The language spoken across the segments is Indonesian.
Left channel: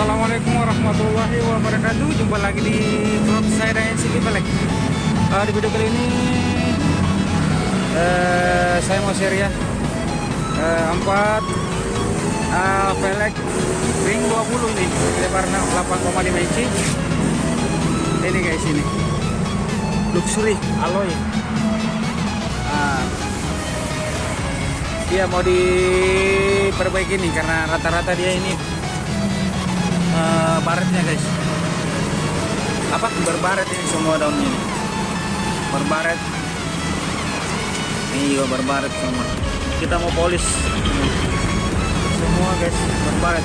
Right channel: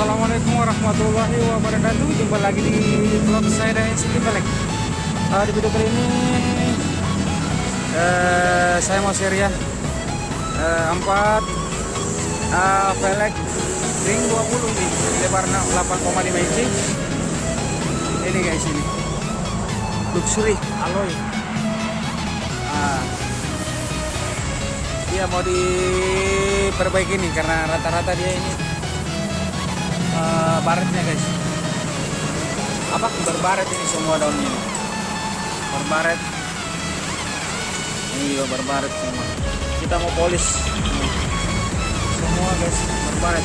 Assalamualaikum warahmatullahi wabarakatuh. Jumpa lagi di vlog saya dan Siti Pelek. Di video kali ini saya mau share ya 4 pelek ring 20 ini, lebar 8,5 inci. Ini guys, ini luxury alloy. Dia mau diperbaiki nih karena rata-rata dia ini baretnya guys, berbaret ini semua daunnya ini, berbaret ini juga berbaret semua. Kita mau polis semua guys, berbaret.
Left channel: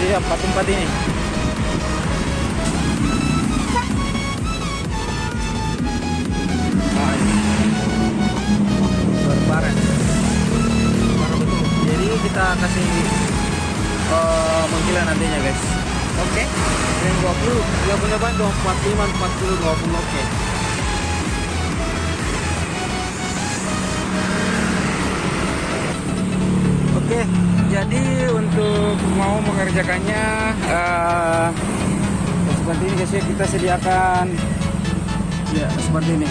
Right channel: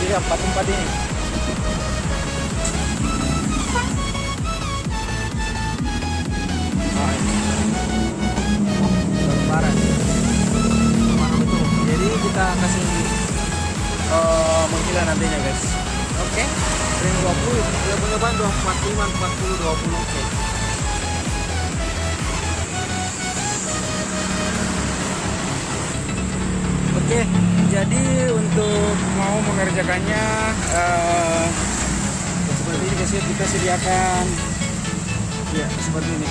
Iya, 4 ini berbaret parah betul. Jadi kita kasih mengkilat nantinya guys. Oke, ring 20 dia punya ban 245 40 20. Oke. Oke, jadi untuk mau mengerjakannya seperti ini guys ya, kita sediakan ya seperti ini.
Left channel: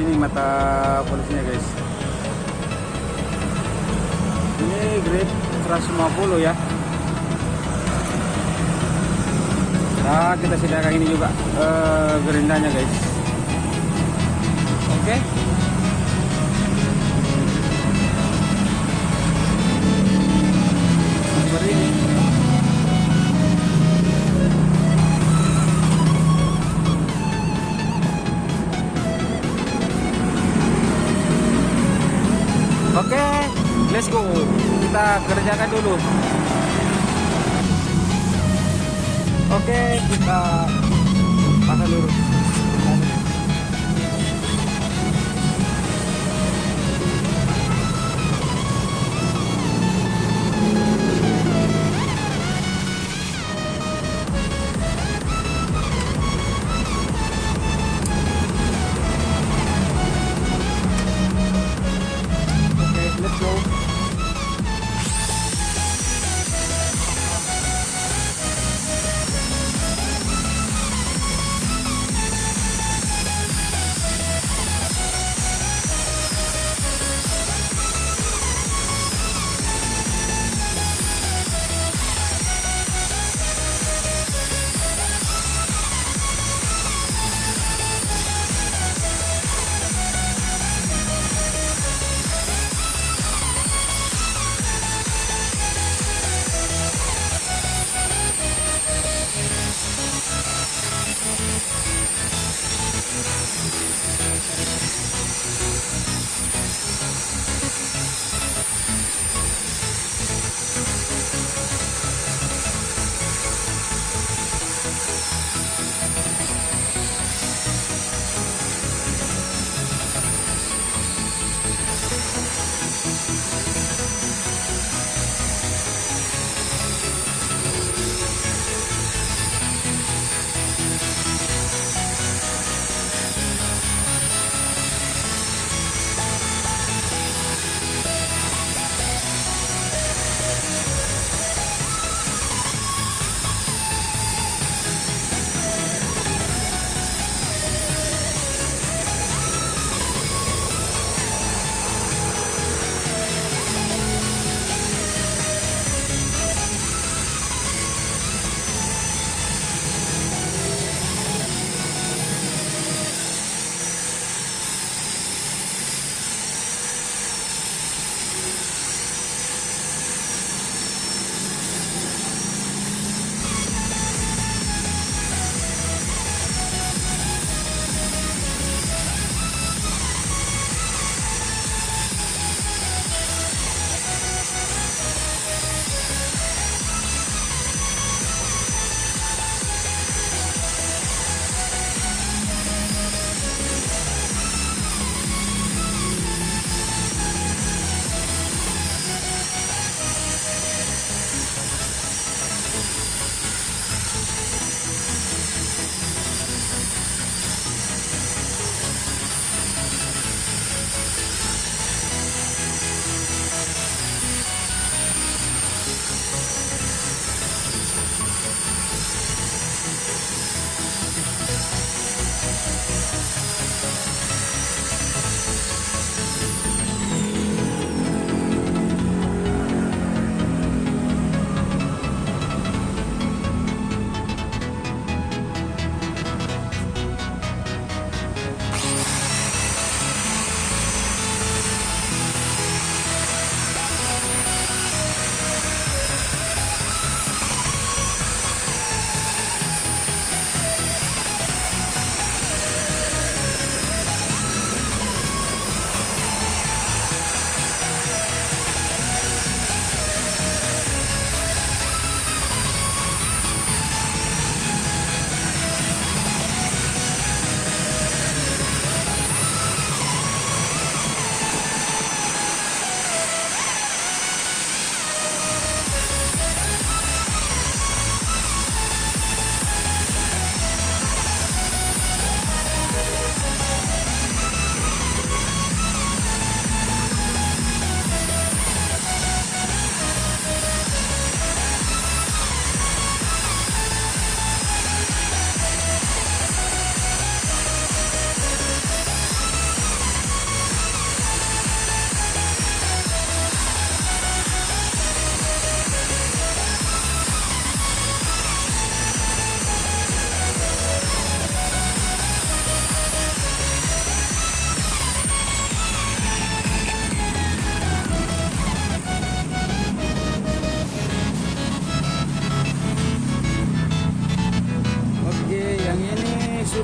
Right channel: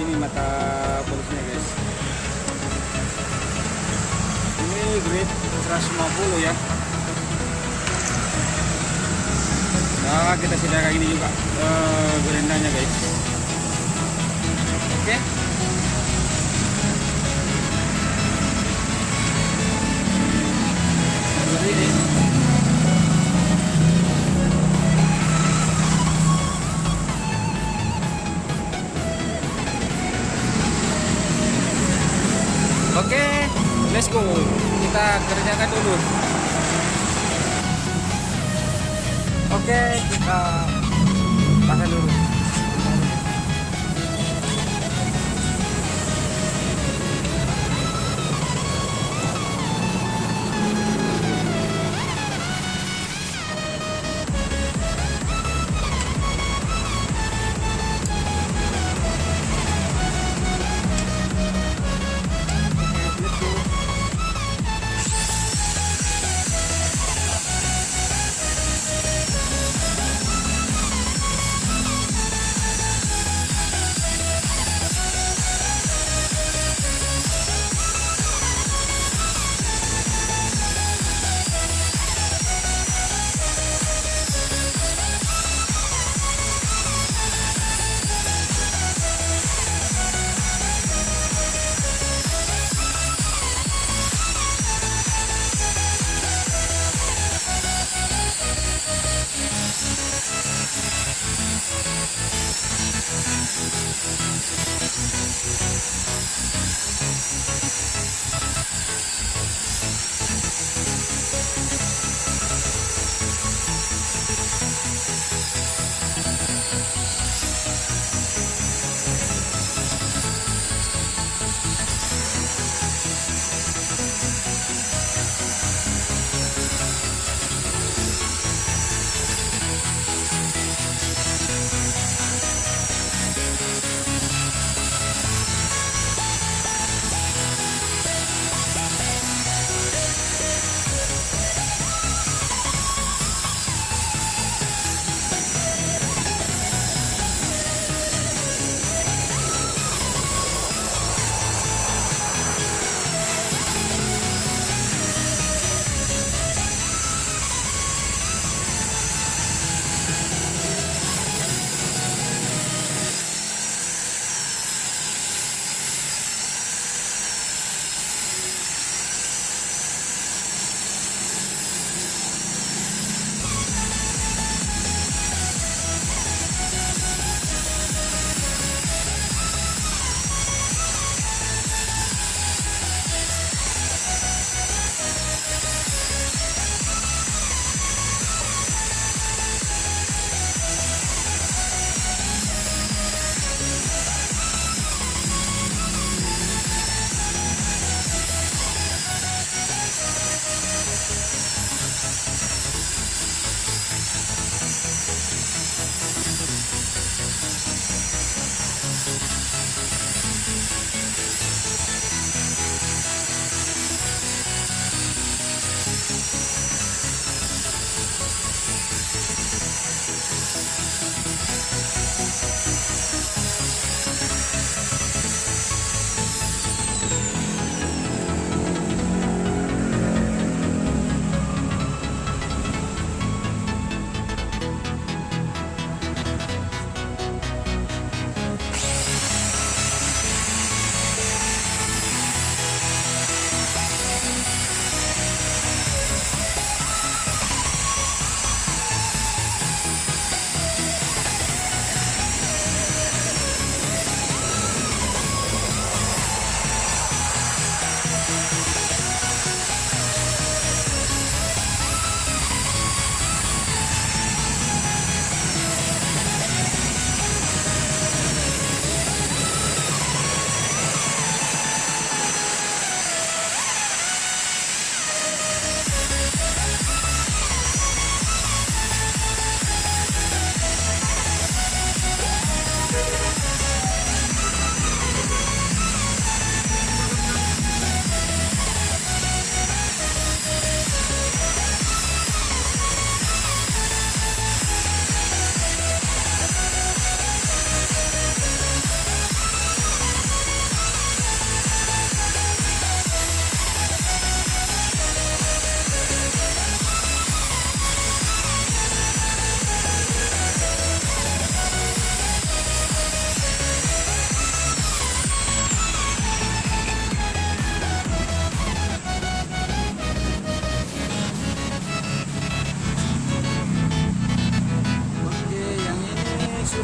Ini mata polisnya guys, ini grade 150 ya. Nah, kita sediakan ini juga gerindanya guys. Oke. Seperti ini. Oke, let's go. Kita kerjakan dulu. Oke, kita pasang dulu. Let's go.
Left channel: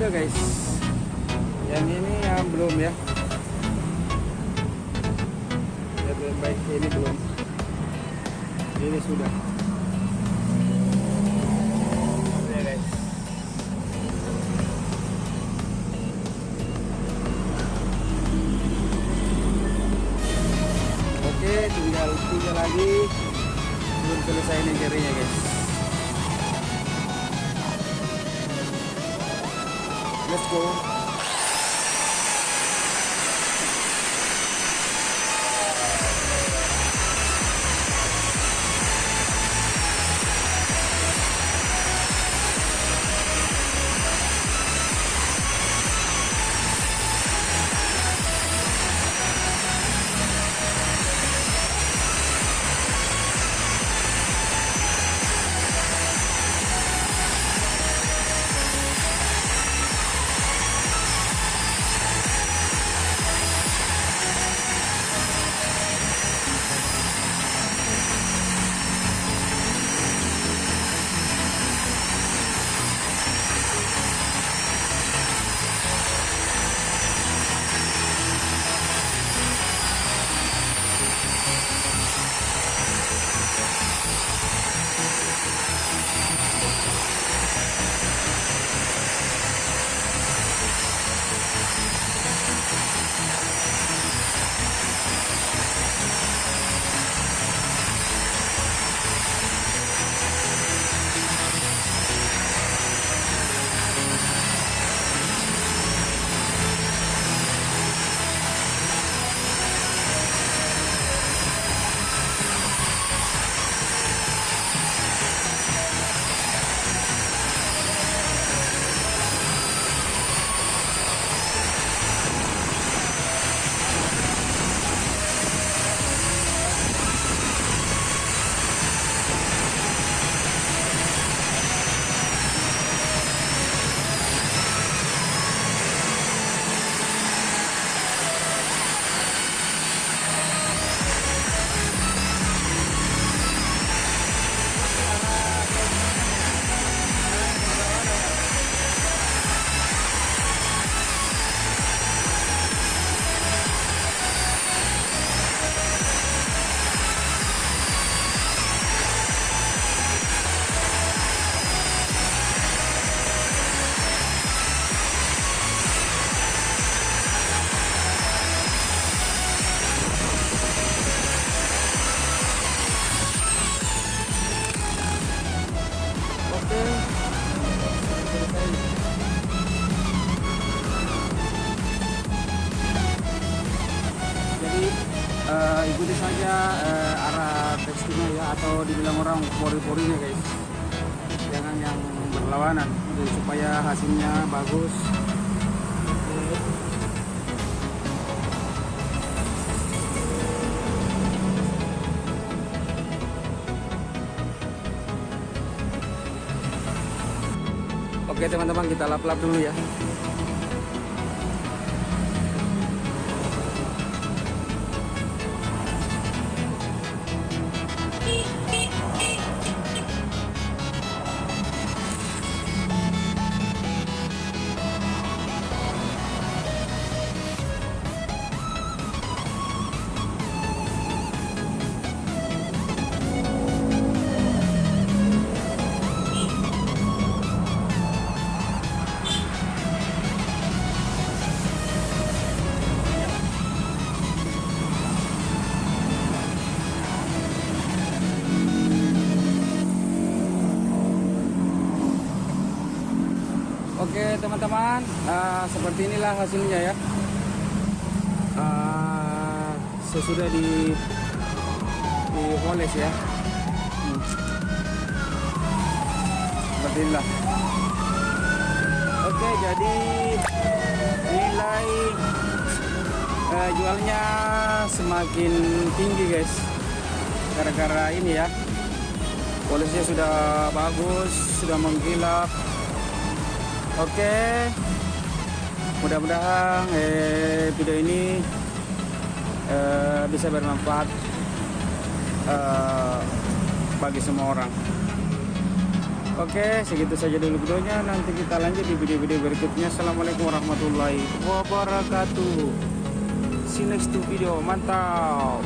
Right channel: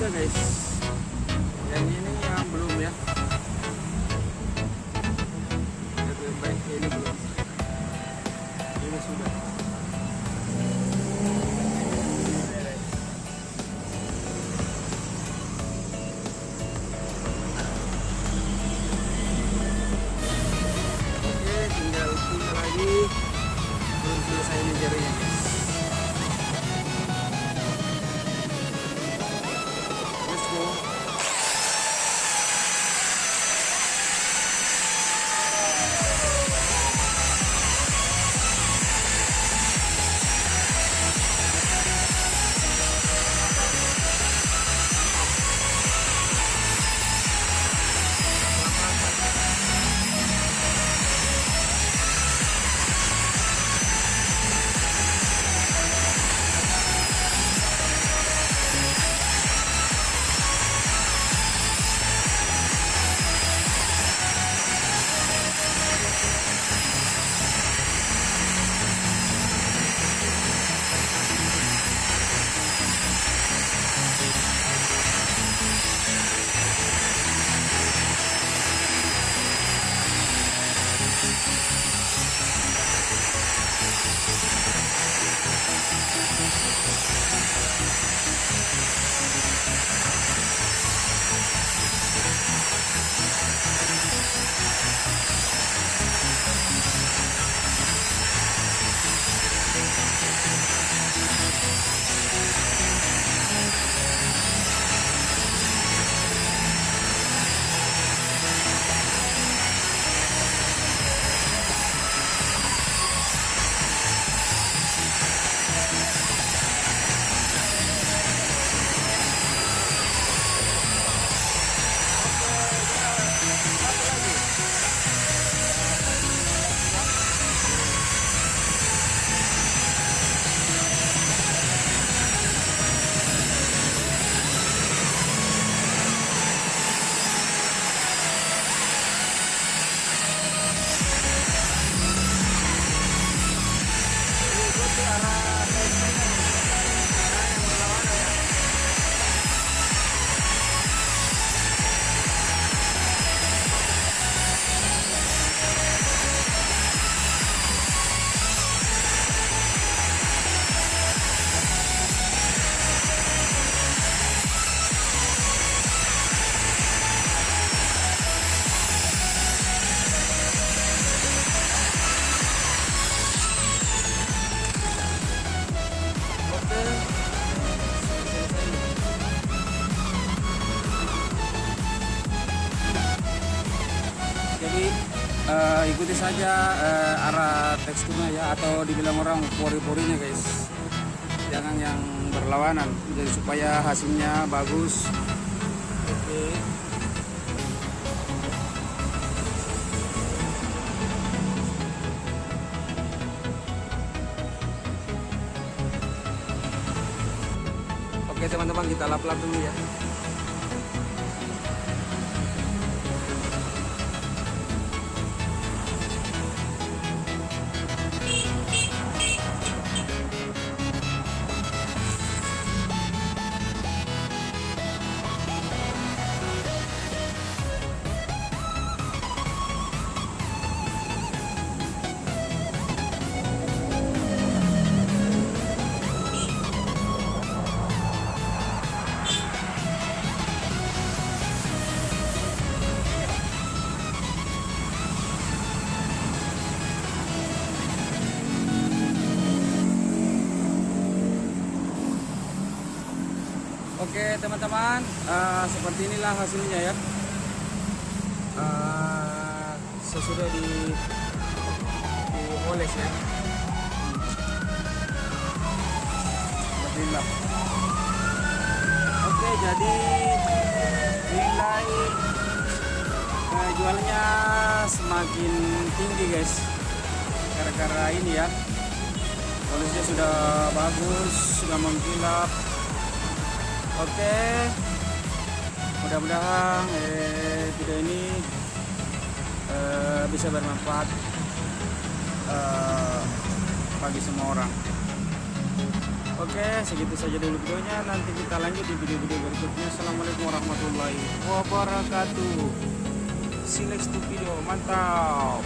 sudah guys, yang ini yang belum ya. Yang baik ini belum, ini sudah. Oke, tinggal punya lagi, belum selesai nih jaringnya guys. Let's go. Ikuti saja arah teksturnya ya, atau dibilang orang pori-porinya guys, jangan yang berlawanan, jadi supaya hasilnya bagus. Oke teman-teman, kita lap-lap dulu ya. Oke teman-teman, seperti inilah hasilnya ya. Sesudah dipoles ya. Seperti inilah. Oke, jadi nilai jualnya semakin tinggi guys, gara-gara ini ya. Polisnya sudah bagus, sudah mengkilap. Oke, mudah-mudahan video ini bisa bermanfaat bagi semua orang. Oke, segitu saja dulu videonya. Nanti kita lanjut di video-video berikutnya. Assalamualaikum warahmatullahi wabarakatuh. See you next to video. Mantap.